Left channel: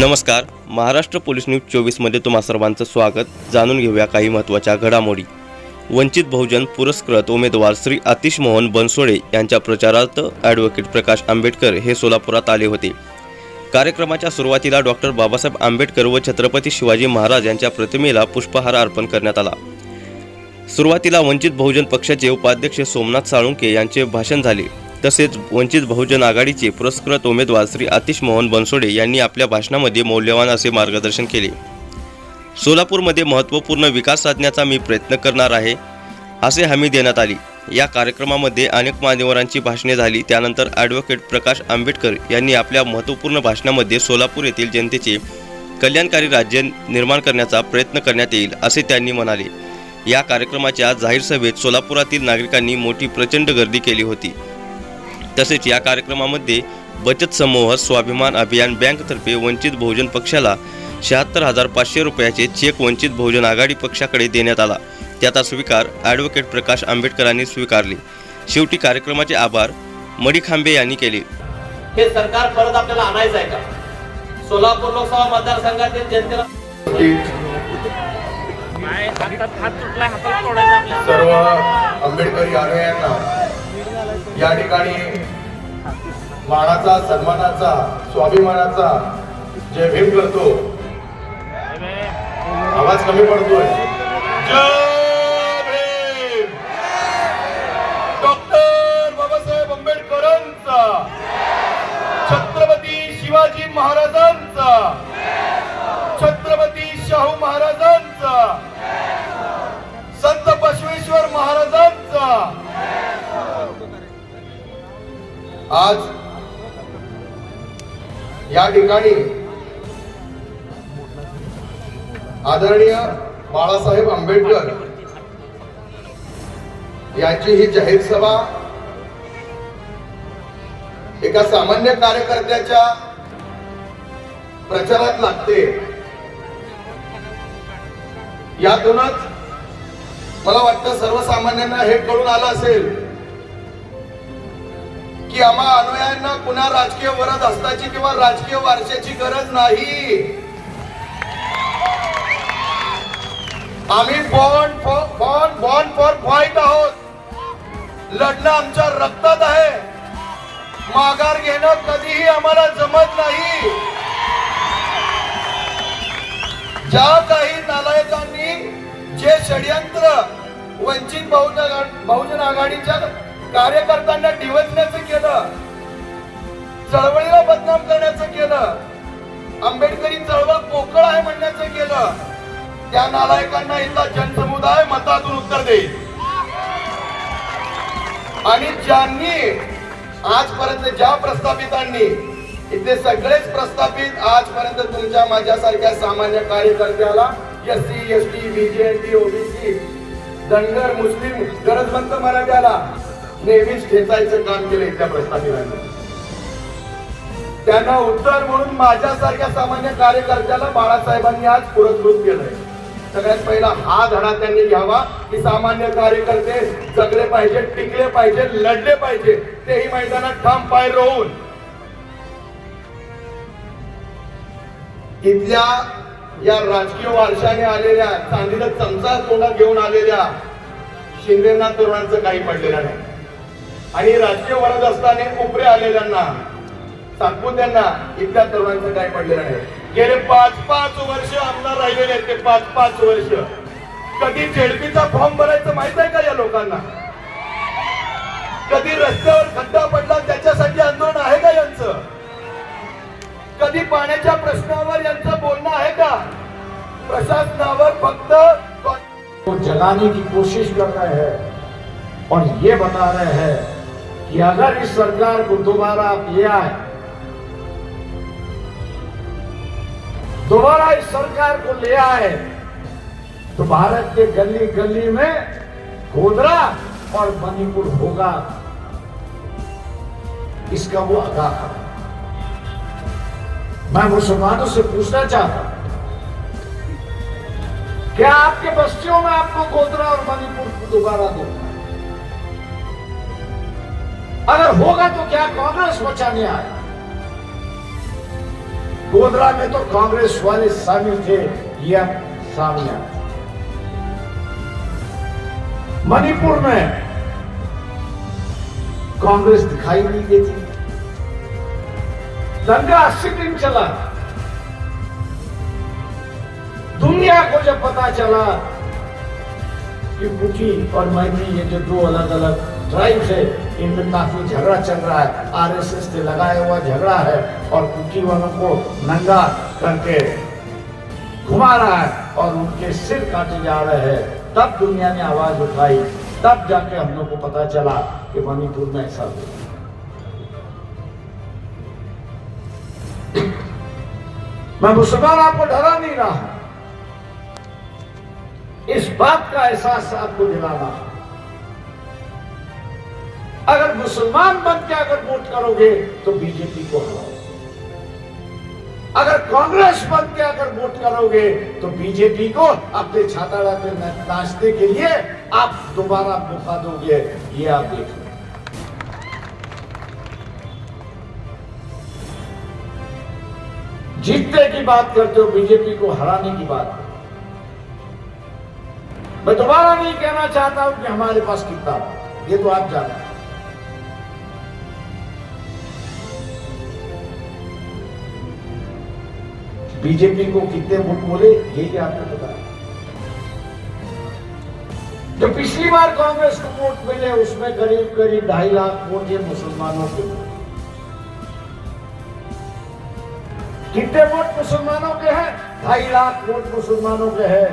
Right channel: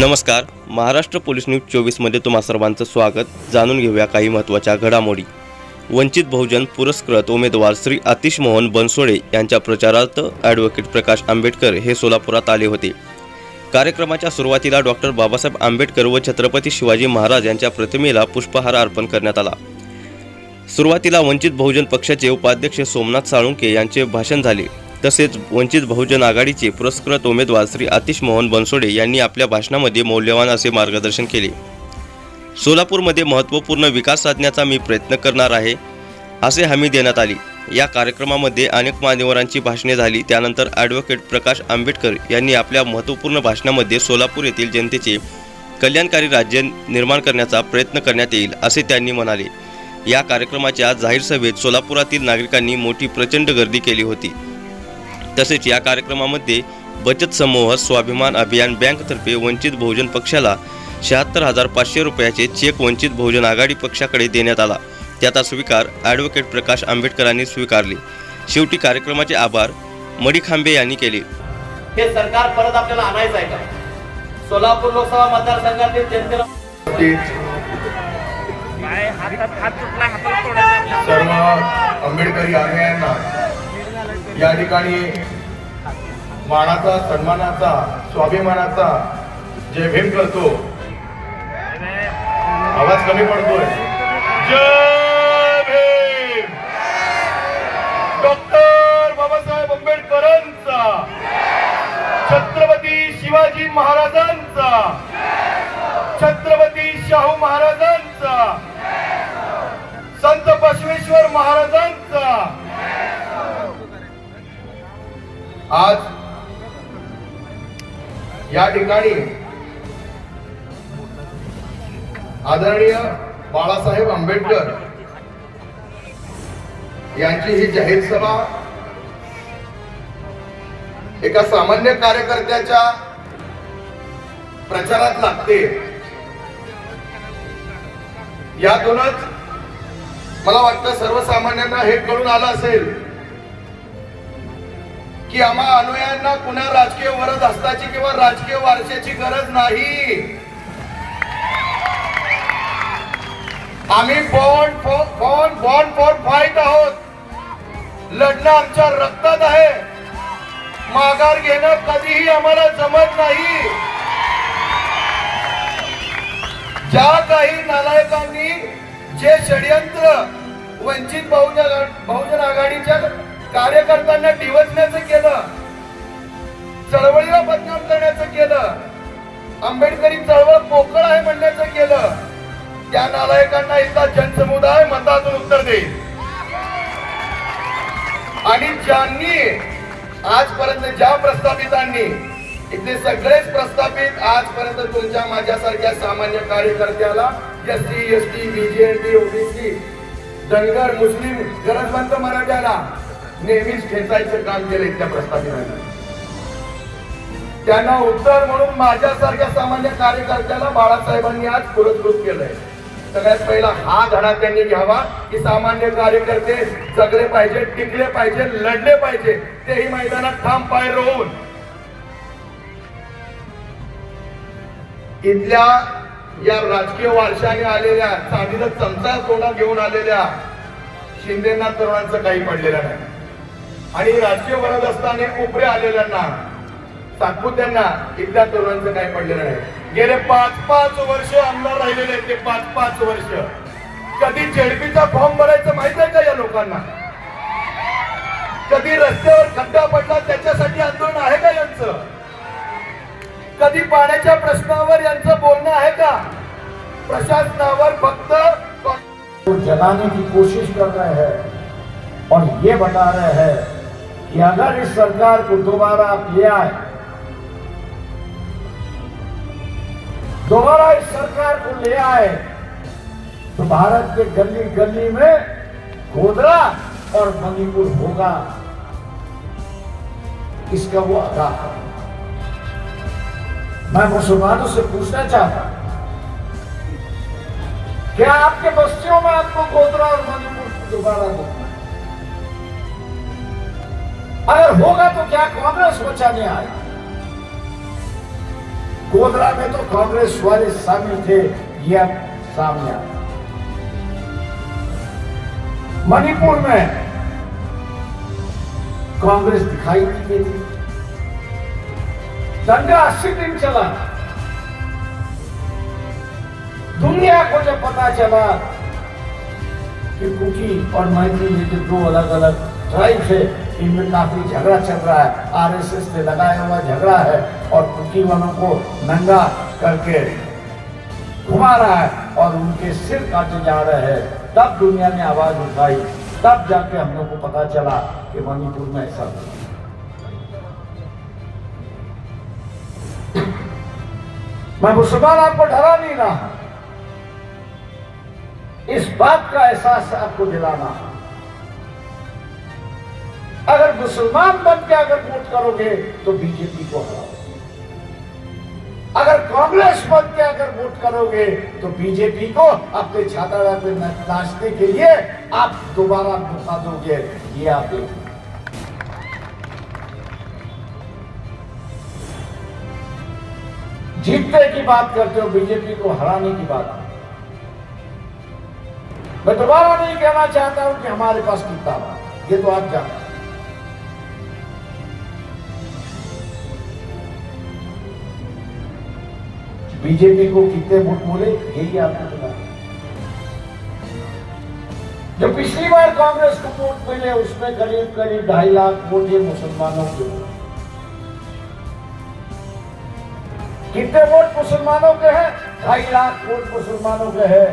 नमस्कार Maharashtra police news चोवीसमध्ये तुम्हा सर्वांचं स्वागत. जाणून घेऊया काही महत्त्वाच्या घडामोडी. वंचित बहुजन पुरस्कृत उमेदवार श्री आतिश मोहन बनसोडे यांच्या प्रचारार्थ ॲडव्होकेट प्रकाश आंबेडकर हे सोलापुरात आले होते. कार्यक्रमाच्या सुरुवातीला डॉक्टर बाबासाहेब आंबेडकर व छत्रपती शिवाजी महाराज यांच्या प्रतिमेला पुष्पहार अर्पण करण्यात आला. सुरुवातीला वंचित बहुजन पक्षाचे उपाध्यक्ष सोमनाथ साळुंके यांचे भाषण झाले. तसेच वंचित बहुजन आघाडीचे पुरस्कृत उमेदवार श्री आतिश मोहन बनसोडे यांनी आपल्या भाषणामध्ये मौल्यवान असे मार्गदर्शन केले. सोलापूरमध्ये महत्त्वपूर्ण विकास साधण्याचा मी प्रयत्न करणार आहे असे हमी देण्यात आली. या कार्यक्रमामध्ये अनेक मान्यवरांची भाषणे झाली. त्यानंतर ॲडव्होकेट प्रकाश आंबेडकर यांनी आपल्या महत्त्वपूर्ण भाषणामध्ये सोलापूर येथील जनतेचे कल्याणकारी राज्य निर्माण करण्याचा प्रयत्न करण्यात येईल असे त्यांनी म्हणाले. या कार्यक्रमाच्या जाहीर सभेत सोलापुरातील नागरिकांनी मोठी प्रचंड गर्दी केली होती. तसेच या कार्यक्रमामध्ये बचत समूह स्वाभिमान अभियान बँकतर्फे वंचित बहुजन पक्षाला शहात्तर हजार पाचशे रुपयाचे चेक वंचित बहुजन आघाडी पक्षाकडे देण्यात आला. त्याचा स्वीकार ॲडव्होकेट प्रकाश आंबेडकरांनी स्वीकारले. शेवटी कार्यक्रमाचे आभार मडी खांबे यांनी केले. हे सरकार परत आपल्याला आणायचं आहे का? सोलापूर लोकसभा मतदारसंघातील जनतेला सर्व आंबेडकरी अनुयायांना या ठिकाणी मानाचा सन्मानाचा स्वाभिमानाचा जय भीम करतो आवाज कमी पडतोय. जय भीम! डॉक्टर बाबासाहेब आंबेडकरांचा छत्रपती शिवाजी महाराजांचा छत्रपती शाहू महाराजांचा संत बसवेश्वर महाराजांचा आज या ठिकाणी आदरणीय बाळासाहेब आंबेडकर यांची ही जाहीर सभा एका सामान्य कार्यकर्त्याच्या प्रचारात लागते. यातूनच मला वाटतं सर्वसामान्यांना हे कळून आलं असेल की आम्हा अनुयायांना पुन्हा राजकीय वरद असताची किंवा राजकीय वारशाची गरज नाही. आम्ही bond bond bond for fight आहोत. लढणं आमच्या रक्तात आहे. माघार घेणं कधीही आम्हाला जमत नाही. ज्या काही नालायकांनी जे षडयंत्र वंचित बहुजन बहुजन आघाडीच्या कार्यकर्त्यांना डिवचण्याचं केलं चळवळीला बदनाम करण्याचं केलं आंबेडकरी चळवळ पोकळ आहे म्हणण्याचं केलं त्या नालायकांना इथला जनसमुदाय मतातून उत्तर देईल. आणि ज्यांनी आजपर्यंत ज्या प्रस्थापितांनी इथले सगळेच प्रस्थापित आजपर्यंत तुमच्या माझ्यासारख्या सामान्य कार्यकर्त्याला S C S T BJNT OBC Dhangar Muslim गरजवंत मराठ्याला नेहमीच खेचायचं काम केलं इथल्या प्रस्थापितांनी. त्यांना उत्तर म्हणून माझ्यासारख्या सामान्य कार्यकर्त्याला बाळासाहेबांनी आज पुरस्कृत केलंय. सगळ्यात पहिला हा धडा त्यांनी घ्यावा की सामान्य कार्यकर्ते जगले पाहिजे टिकले पाहिजे लढले पाहिजे तेही मैदानात ठाम पाय राहून इथल्या या राजकीय वारशाने आलेल्या चांदीला चमचा तोंडात घेऊन आलेल्या शिंदेना तरुणांचं काही पडलेलं नाही. आणि राजकीय बनत असताना उपरे आलेल्यांना सातपुत्यांना इथल्या तरुणांचं काय पडलेलं नाही. गेले पाच पाच वर्ष आमदार राहिलेले आहेत ते पाच पाच वर्ष. कधी जेडपीचा फॉर्म भरायचं माहीत आहे का या लोकांना? कधी रस्त्यावर खड्डा पडला त्याच्यासाठी आंदोलन आहे का यांचं? कधी पाण्याच्या प्रश्नावर यांचं बोलणं आहे का? प्रशासनावर फक्त को जलाने की कोशिश कर रहे हैं और ये बता रहे हैं कि अगर इस सरकार को दोबारा आप ले आए, दोबारा इस सरकार को ले आए तो भारत के गली गली में गोधरा और मणिपुर होगा। इसका वो अदा मैं मुसलमानों से पूछना चाहता हूँ, क्या आपके बस्तियों में आपको गोधरा और मणिपुर दोबारा देना अगर होगा तो क्या कांग्रेस बचाने आया? गोधरा में तो कांग्रेस वाले शामिल थे, यह सामने मणिपुर में कांग्रेस दिखाई नहीं देती। दंगा अस्सी दिन चला। दुनिया को जब पता चला कि कुकी और मैत्री ये जो दो अलग अलग ट्राइब्स से इनमें काफ़ी झगड़ा चल रहा है। आरएसएस से लगाया हुआ झगड़ा है और कुकी वालों को नंगा करके घुमा रहा है और उनके सिर काटे जा रहे हैं। तब दुनिया ने आवाज़ उठाई। तब जाके हम लोग को पता चला कि मणिपुर में ऐसा मैं मुसलमान आपको डरा नहीं रहा। इस बात का एहसास आपको दिलाना अगर मुसलमान बन के अगर वोट करोगे तो बीजेपी को हराओ अगर कांग्रेस बन के अगर वोट करोगे तो बीजेपी को अपने छाता पे नाचने के लिए आप दोबारा मौका दोगे, ये आप देखो। जीतने की बात करते हो, बीजेपी को हराने की बात मैं दोबारा नहीं कहना चाहता हूँ कि हमारे पास कितना। ये तो आप जानते हैं। बीजेपी को कितने वोट बोले यही आपको है। जो पिछली बार कांग्रेस को वोट मिले, उसमें करीब करीब ढाई लाख वोट ये मुसलमानों के कितने वोट मुसलमानों के हैं? ढाई लाख वोट मुसलमानों के हैं।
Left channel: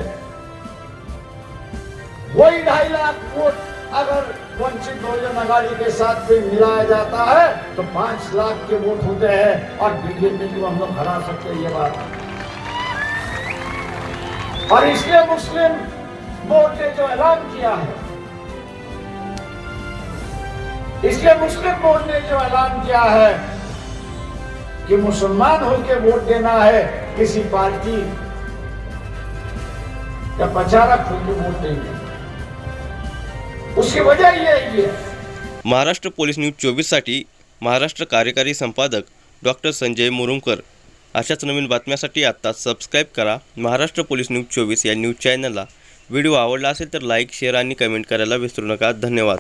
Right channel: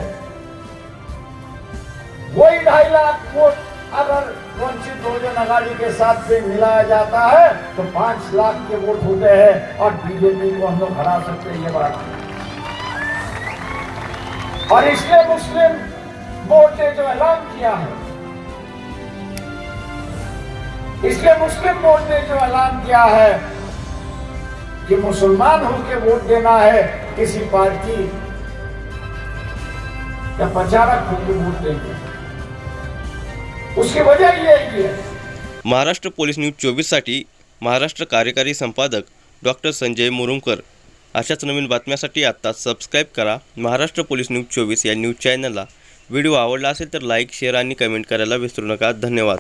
वही ढाई लाख वोट अगर वंचित बहुजन अघाड़ी के साथ में मिलाया जाता है तो पाँच लाख के वोट होते हैं और बीजेपी को हम लोग हरा सकते हैं ये बात। और इसलिए मुस्लिम बोर्ड ने जो ऐलान किया है, इसलिए मुस्लिम बोर्ड ने जो ऐलान किया है कि मुसलमान होकर वोट देना है, किसी पार्टी या प्रचारक होकर वोट देंगे। उसकी वजह यही है। महाराष्ट्र पोलीस न्यूज चोवीससाठी महाराष्ट्र कार्यकारी संपादक डॉक्टर संजय मुरुमकर अशाच नवीन बातम्यासाठी आत्ता सबस्क्राईब करा महाराष्ट्र पोलीस न्यूज चोवीस या न्यूज चॅनलला व्हिडिओ आवडला असेल तर लाईक शेअर आणि कमेंट करायला विसरू नका. धन्यवाद.